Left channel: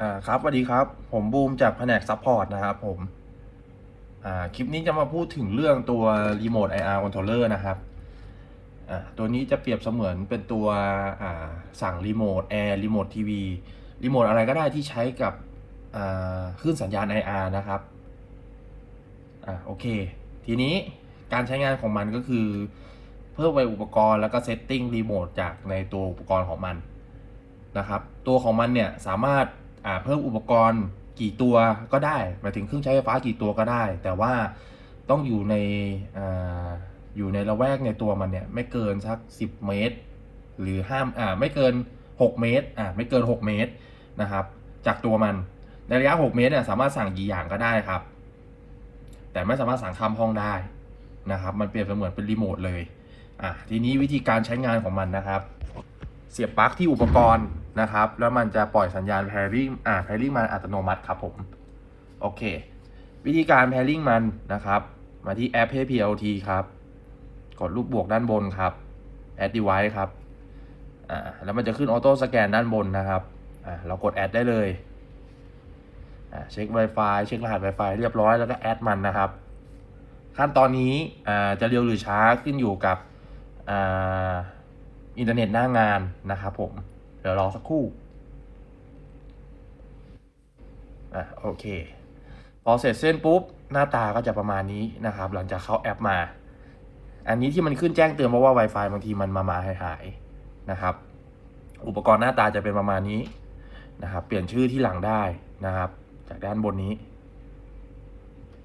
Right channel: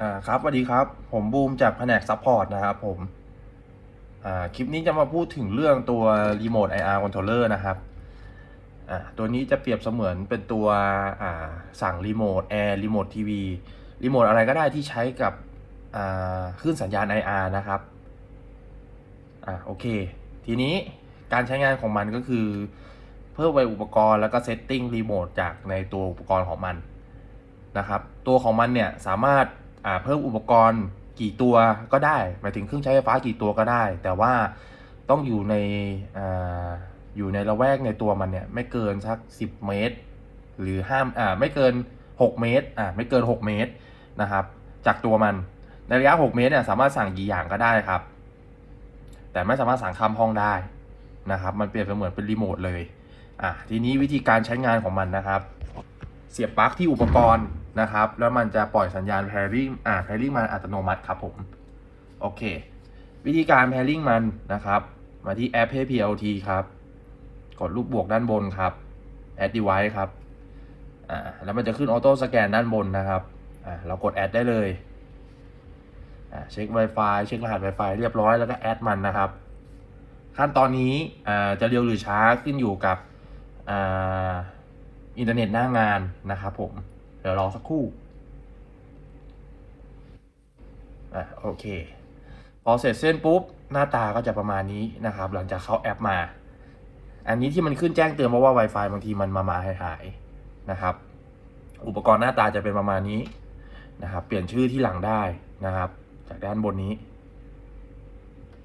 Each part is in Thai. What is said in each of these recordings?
อ่าครับสวัสดีครับ ผมบูมจากแผนกซัพพอร์ตนะครับผมอ่าคลิปนี้จะมาพูดถึงเรื่องตัวรีโมท IR controller นะครับอ่าตัวนี้จะเปรียบเสมือนเป็นตัวอ่าสั่งรีโมทแอร์รีโมททีวีรีโมทอะไรก็ได้ที่ใช้กับอ่าคลื่นสัญญาณ IR นะครับอ่าโอเค ทีนี้การใช้งานของมันก็คือ เพิ่มไปอุปกรณ์แล้วก็เซตติ้งรีโมทจากในตัวอุปกรณ์ของมันนะครับ ตัวของมันเนี่ยสามารถ เพิ่มอุปกรณ์กี่ตัวก็ได้ หมายถึงเครื่องใช้ไฟฟ้ากี่ตัวก็ได้ แต่ว่าต้องอยู่ในอ่าอยู่ในละแวกในตัวมันเนี่ย ไม่เกินสัก 10 เมตร หรือห้ามอ่าไม่เกิน 6 เมตรอ่าไม่เกิน 6 เมตรนะครับ จากตัวมันในระยะ 6 เมตรเนี่ยสามารถสั่งกี่อย่างก็ได้ครับ แต่ไม่สามารถสั่งข้ามห้องได้นะครับ มันเปรียบเสมือนเป็นรีโมทเลยอะทีนี้วิธีการใช้งานของมันนะครับ เสียบปลั๊กที่อุปกรณ์ นะครับ แล้วมันจะปล่อยสัญญาณ pairing อ่า pairing มันอัตโนมัติครับผม โอเค วิธีการ pairing มันนะครับ มาที่แอป PLT ครับ กดรูปบวกด้านบนครับ add device ครับอ่าแล้วมันจะขึ้นออโต้สแกนด้านบนนะครับอ่าเรากด add ได้เลยอ่าเช็ค Wi-Fi เช็ครหัส Wi-Fi เรียบร้อยแล้วก็ add มันนะครับ ขั้นตอนนี้อ่าจะเร็วหรือช้าขึ้นอยู่กับอ่าอินเทอร์เน็ตหน้างานนะครับผม ดี๋ยวรอสักครู่อะโอเคพอเสร็จเส้นปุ๊บหน้าตาก็จะประมาณนี้นะครับ หลังจากเข้าแอปมา อันนี้ที่มันขึ้นแจ้งเตือนเพราะว่า Wi-Fi บางทีมันมามาหายหายนะครับ อุปกรณ์หน้าตาจะเป็นประมาณนี้นะครับ เปลี่ยนชื่อที่หลังได้นะครับ จากด้านบนนี้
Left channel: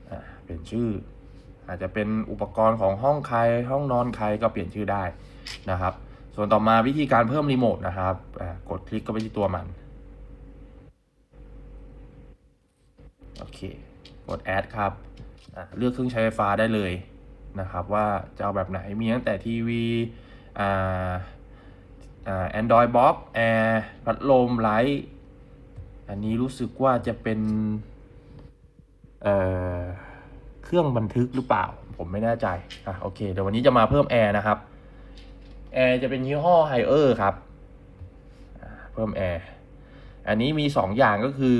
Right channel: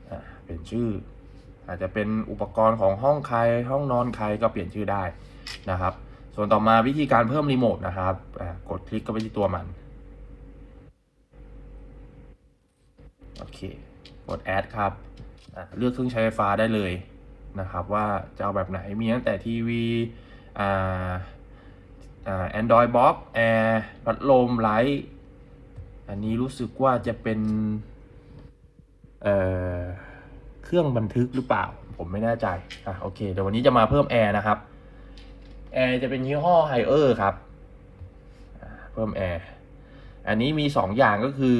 อะเปลี่ยนชื่อ อาจจะเป็นอุปกรณ์ของห้องใครห้องนอนใครก็เปลี่ยนชื่อได้นะครับ ส่วนต่อมาวิธีการเพิ่มรีโมทนะครับ กดคลิกเข้าไปที่ตัวมัน โอเค กด add ครับ เลือกเครื่องใช้ไฟฟ้าได้เลยนะครับ ว่าจะเอาแบบไหน มีตั้งแต่ทีวีอ่าอ่า Android Box Air พัดลมไลท์อันนี้รู้สึกว่าจะเป็นเเครื่องบันทึกหรือเปล่า ผมไม่แน่ใจอะโอเค เดี๋ยววันนี้จะมาเพิ่มแอร์นะครับ แอร์จะเป็นยี่ห้อไฮเออร์ครับ เพิ่มแอร์อันนี้มี 2 อย่างก็คือ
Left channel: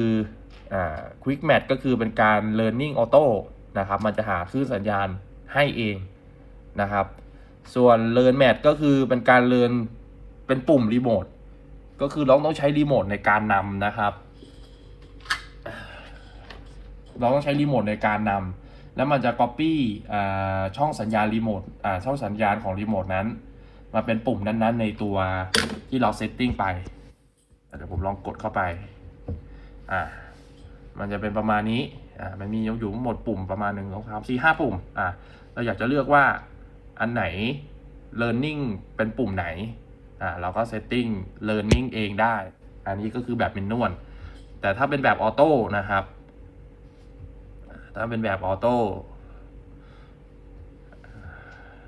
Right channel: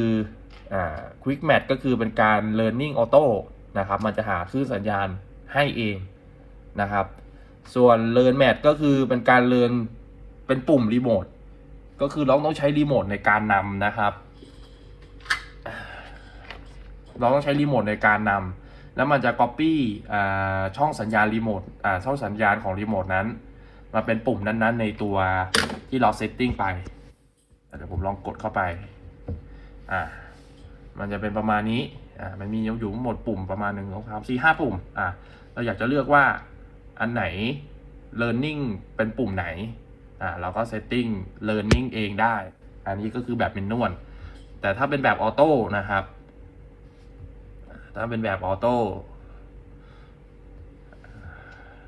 อ่า Quick Match ก็คือเป็นการ Learning Auto นะครับ มันจะหาคลื่นสัญญาณให้เองนะครับ ส่วน Learn Match ก็คือเป็นการ Learn เป็นปุ่มรีโมทก็คือเราต้องใช้รีโมทในการนำนะครับ เราต้องใช้รีโมทในการนำแล้วมันจะ Copy อ่าช่องสัญญาณรีโมทอ่าช่องสัญญาณของรีโมทนั้น มาเป็นปุ่มนั้นๆ ในตัวที่เราเซตติ้งไปเดี๋ยวผมลองกดเข้าไป อ่า มันจะเป็นประมาณนี้ อ่า มันมีอยู่หมดปุ่มประมาณหนึ่งสองสามสี่ห้าปุ่ม อ่า เราอยากจะเลือกว่าอันไหน learning เป็นปุ่มไหน อ่า เราก็ setting learning เองได้ อันนี้ก็คือแบบเป็นนวล แต่ถ้าเป็นแบบออโต้นะครับ ถ้าเป็นแบบออโต้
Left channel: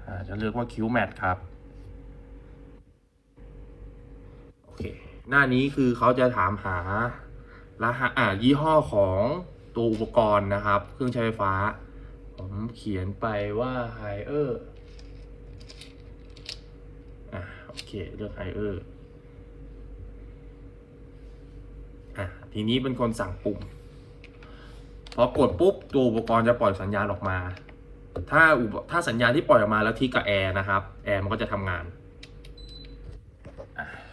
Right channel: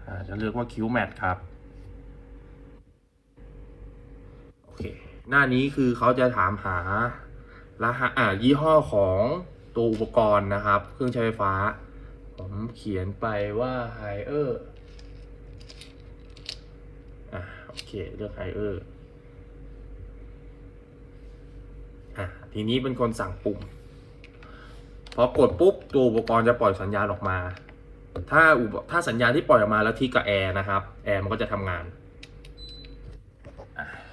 อ่าจะเลือกว่า Q Mat ครับ โอเคหน้านี้คือเขาจะถามหารหัสอ่ายี่ห้อของตัวอุปกรณ์นะครับ เครื่องใช้ไฟฟ้า ผมเขียนไปว่า h i เออร์อ่าโอเคเลือก h i เออร์อะทีนี้เป็นคนสั่งปุ่มพอกดปุ๊บตัวอุปกรณ์จะปล่อยสัญญาณออกมา ถ้าอุปถ้าสัญญาณที่ปล่อยออกมาแล้วที่กับแอร์นะครับ แอร์มันก็จะทำงาน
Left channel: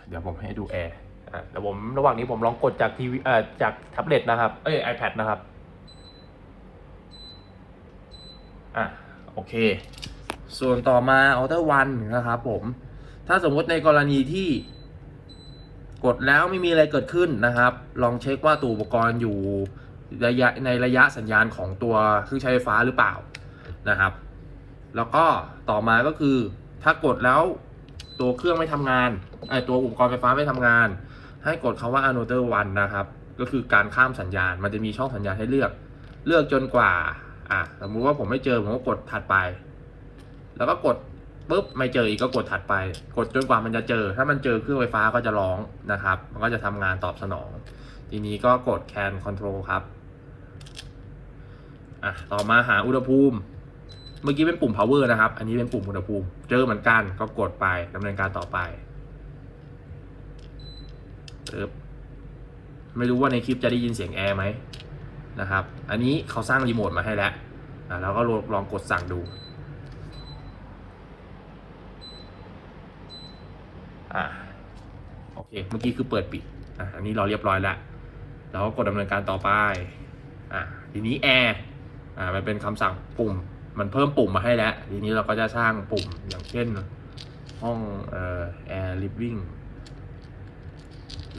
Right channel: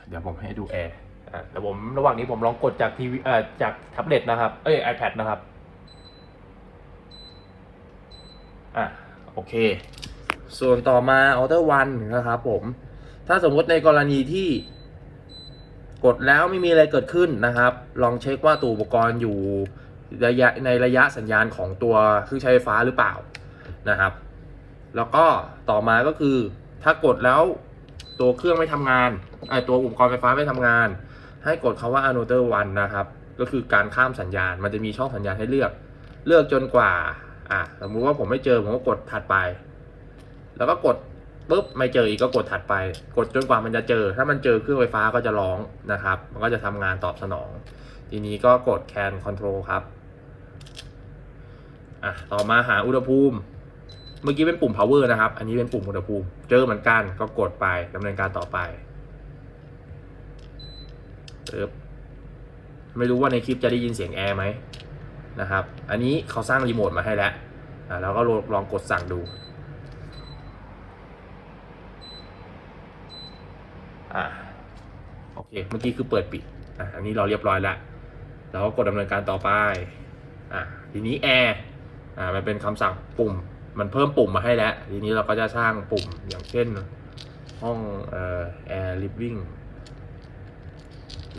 เดี๋ยวผมให้ดูแอร์อะเดี๋ยวผมระหว่างนี้ผมลองกดจากทีวีเอ่อจากแท็บเล็ตนะครับ เอ้ย iPad นะครับ อะ โอเค ส่วนต่อมา Outer One นะครับผม ถ้าสมมติในกรณีที่กดแล้วไม่มีอะไรเกิดขึ้นนะครับ ลองเช็คว่าตัวอุปกรณ์อยู่ระยะในระยะสัญญาณของตัวเครื่องใช้ไฟฟ้าหรือเปล่านะครับ แล้วก็ต่อมาก็คือถ้ากดแล้ว ตัวเครื่องไม่ทำงานไอตัวอุปกรณ์ไฟฟ้าไม่ทำงาน ให้กดคาว่า another one นะครับ ก็คือการข้ามสัญญาณ มันจะมีช่องสัญญาณให้เลือก เลือกจนกว่า อะสมมุติว่าผมไม่เจอผมก็กดถัดไป แล้วก็กดปุ๊บไม่เจออีกก็กดถัดไป กดจนกว่ามันจะเจอ ถ้ามันเจอเครื่องไฟฟ้าก็จะร้องนะครับ มันก็จะทำงานตอบสนอง ทีนี้ก็กด can control ครับ อะ ต่อมาหาอุณหภูมิ เมื่อกี้เป็นปุ่ม power นะครับ อันนี้เป็นปุ่มอุณหภูมิ เจอเหมือนกันก็กดไปดำเนินการต่อไปปึ๊บไม่รู้ว่าในคลิปจะได้ยินเสียงแอร์ไหมนะครับ อันนี้เขาสร้างรีโมทมาให้แล้วอ่าเราก็ลองกดสั่งดูอ่าโอเค เมื่อกี้คือเปิดปิดอะอันนี้เราเรียบร้อยแล้วเราก็กดดำเนินการต่อไปอะทีนี้แอร์อ่ามันเป็นคำสั่งปุ่ม มันเพิ่มปุ่มมาให้แล้ว ทีนี้เราก็จะสร้างปุ่มอย่างเช่น ห้องเอ่อ air living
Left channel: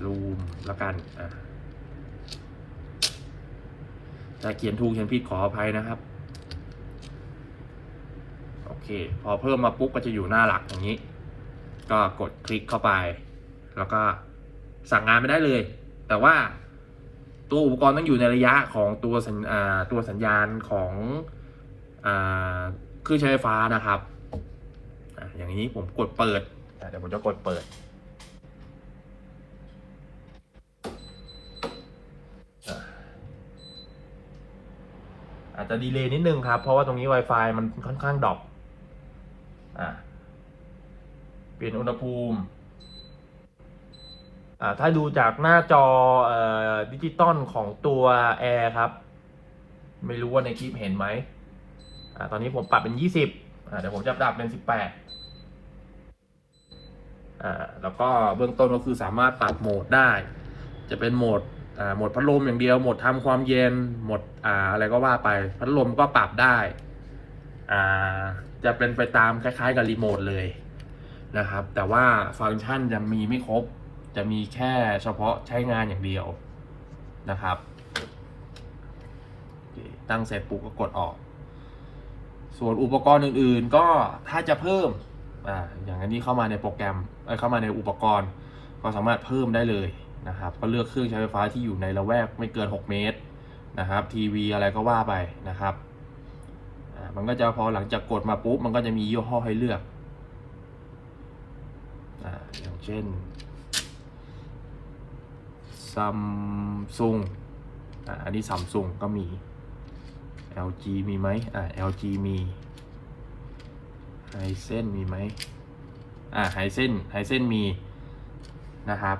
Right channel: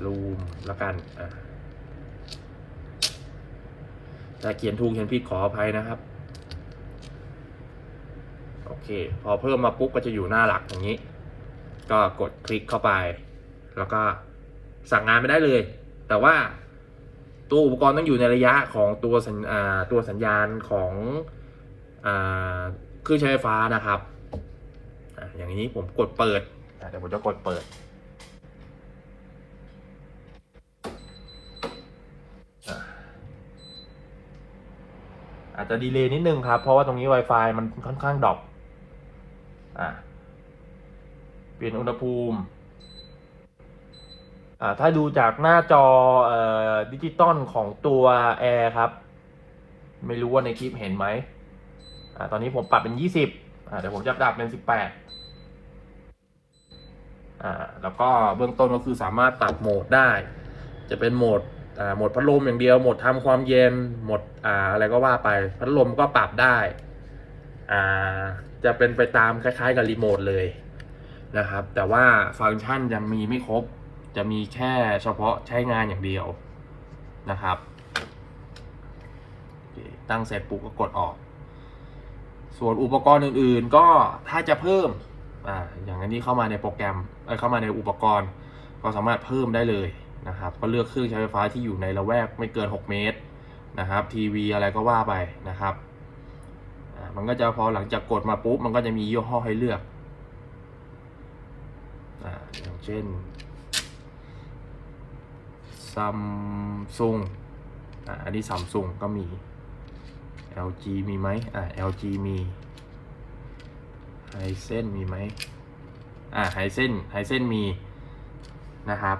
room แล้วกันอะเขียนถูกเขียนผิดขออภัยนะครับ โอเค พอเพิ่มมาปุ๊บก็จะอยู่หน้าหลักอย่างนี้ ก็กดคลิกเข้าไป แล้วก็สั่งงานไม่ได้เลย แต่ว่าตัวอุปกรณ์ต้องอยู่ในระยะของตัวสัญตัวสัญญาณของ เครื่องใช้ไฟฟ้านะครับอย่างนี้ผมกดเปิดเดี๋ยวผมจะกดเปิดอาจจะดีเลย์นิดนึงครับ เพราะว่าตรงนี้ Wi-Fi มันค่อนข้างดรอปอะเปลี่ยนอุณหภูมิ ถ้าดูจากหน้าจออดิจิตอลของตัวแอร์ครับ ไม่รู้ว่าในคลิปเห็นไหม อ่าตอนนี้ผมปรับเป็นยี่สิบอ่าเดี๋ยวผมจะปรับเป็นสิบแปดอ่าแล้วก็เบื้องต้นก็คือสามารถปรับโหมดได้ จะเป็นโหมดอ่าโหมดพัดลมอย่างเดียวโหมดทำความเย็นโหมดอ่าอะไรก็ว่าไปพัดลมก็ปรับได้อ่าจะเป็นไปตามคล้ายๆกับรีโมทเลยนะครับ แต่ว่าฟังก์ชันยังมีไม่ครบ จะมีแค่เฉพาะใช้งานอย่างเดียวนะครับ ตั้งเสร็จปุ๊บก็กดออก ส่วนอุปกรณ์อื่นๆ ก็ถ้าจะเพิ่มอ่าอย่างอันนี้เข้ามาในโปรแกรมเเข้ามาในอุปกรณ์ ก็สามารถเพิ่มได้เลยนะครับก็เลือกเครื่องใช้ไฟฟ้าที่อยู่ในละแวกไม่เกิน 6 เมตรนะครับทีวีอะไรก็ว่าไปนะครับมันก็จะพอหลังจากกดมาปุ๊บมันก็จะมียี่ห้อให้เลือกอย่างเช่นซัมซุงอันนี้ซัมซุงก็มี LG มีไหมอ่า LG มีไฮเซนมีไหมอ่าไฮเซนไฮเซนมีนะครับ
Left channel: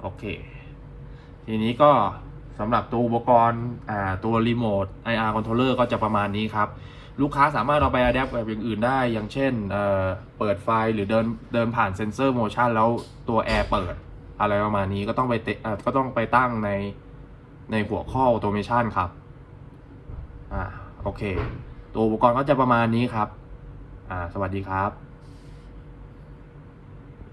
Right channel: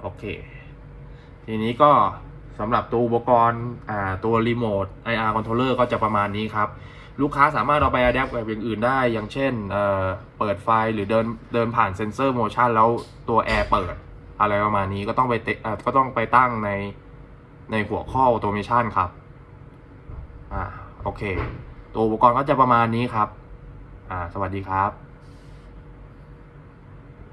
โอเค ทีนี้ก็สำหรับตัวอุปกรณ์อ่าตัวรีโมท IR controller ก็จะประมาณนี้ครับ ลูกค้าสามารถเอาไป adapt กับอย่างอื่นได้ อย่างเช่นเอ่อเปิดไฟหรือเดินเดินผ่านเซนเซอร์โมชันแล้วตัวแอร์เปิด อะไรประมาณนี้ก็ต้องไปเตเอ่อก็ต้องไปตั้งในในหัวข้อ automation ครับ อ่าโอเค ตัวอุปกรณ์ก็จะประมาณนี้ครับ อ่า สวัสดีครับ